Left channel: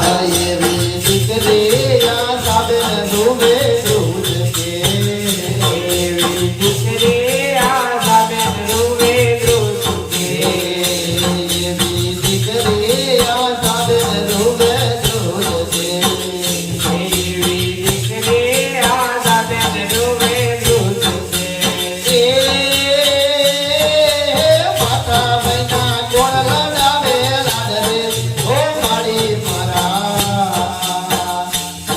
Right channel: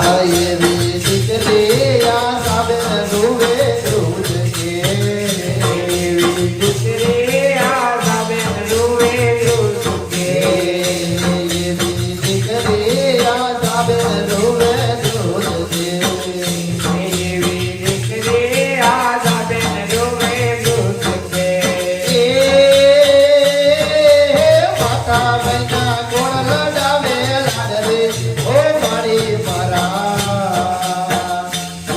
हरे रे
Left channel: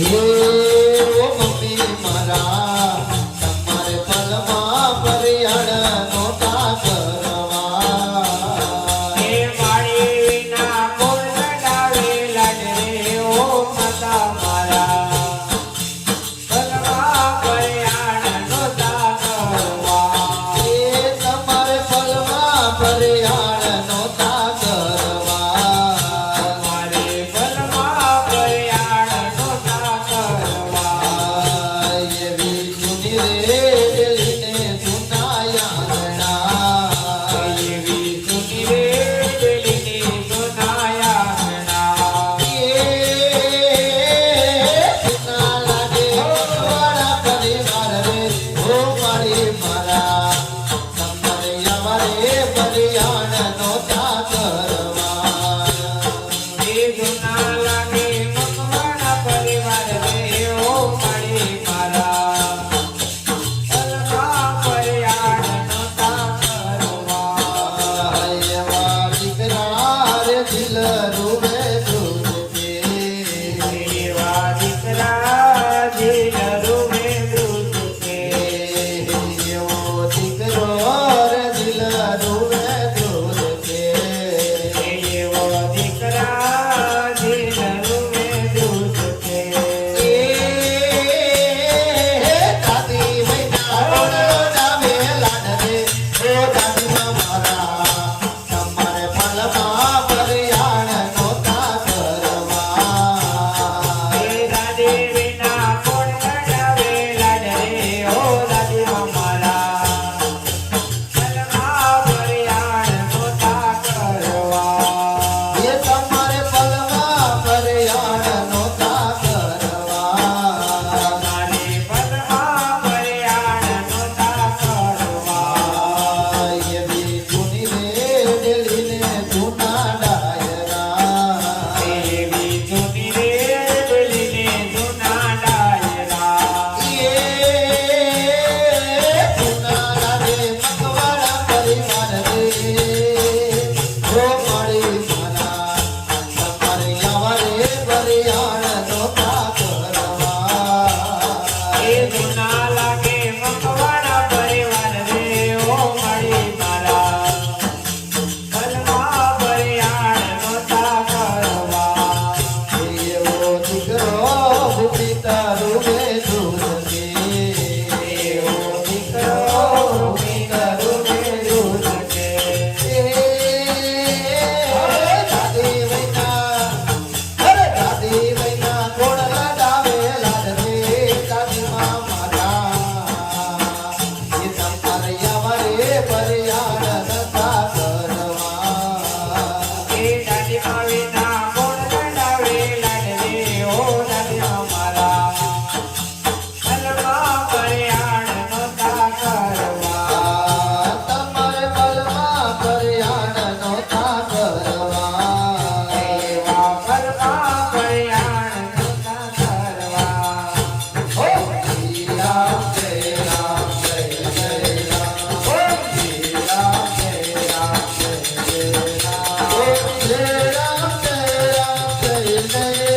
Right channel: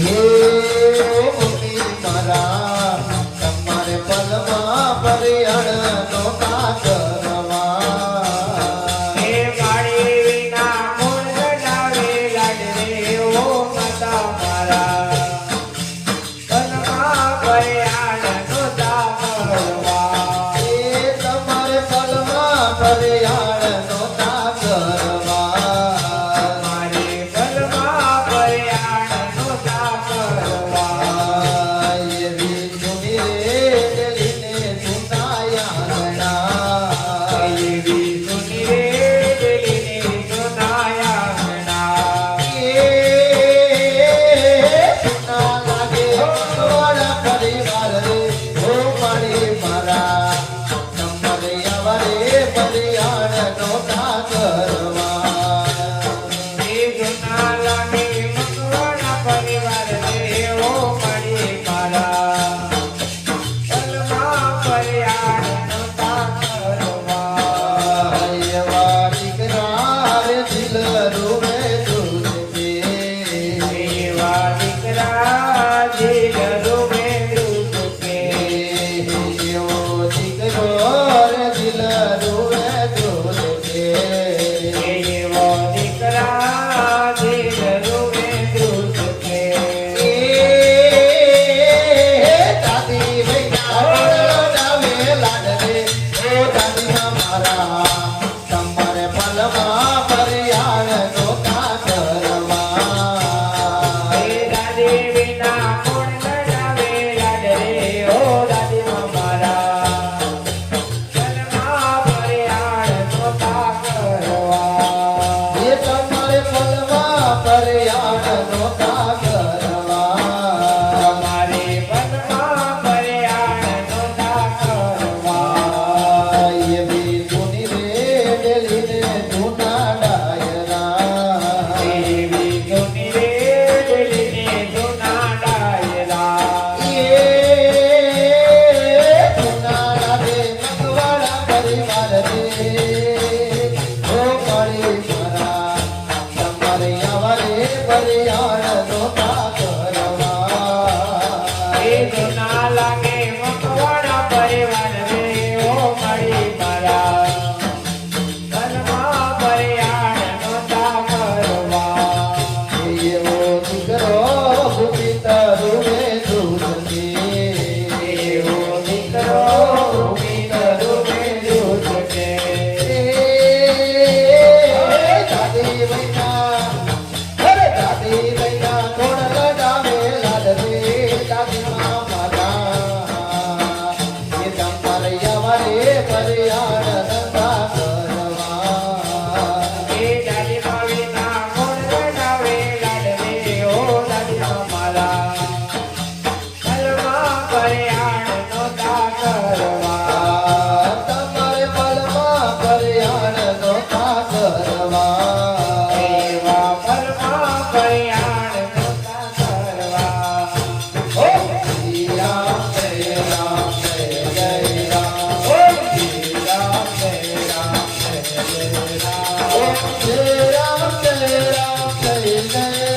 Yeah. Sunday.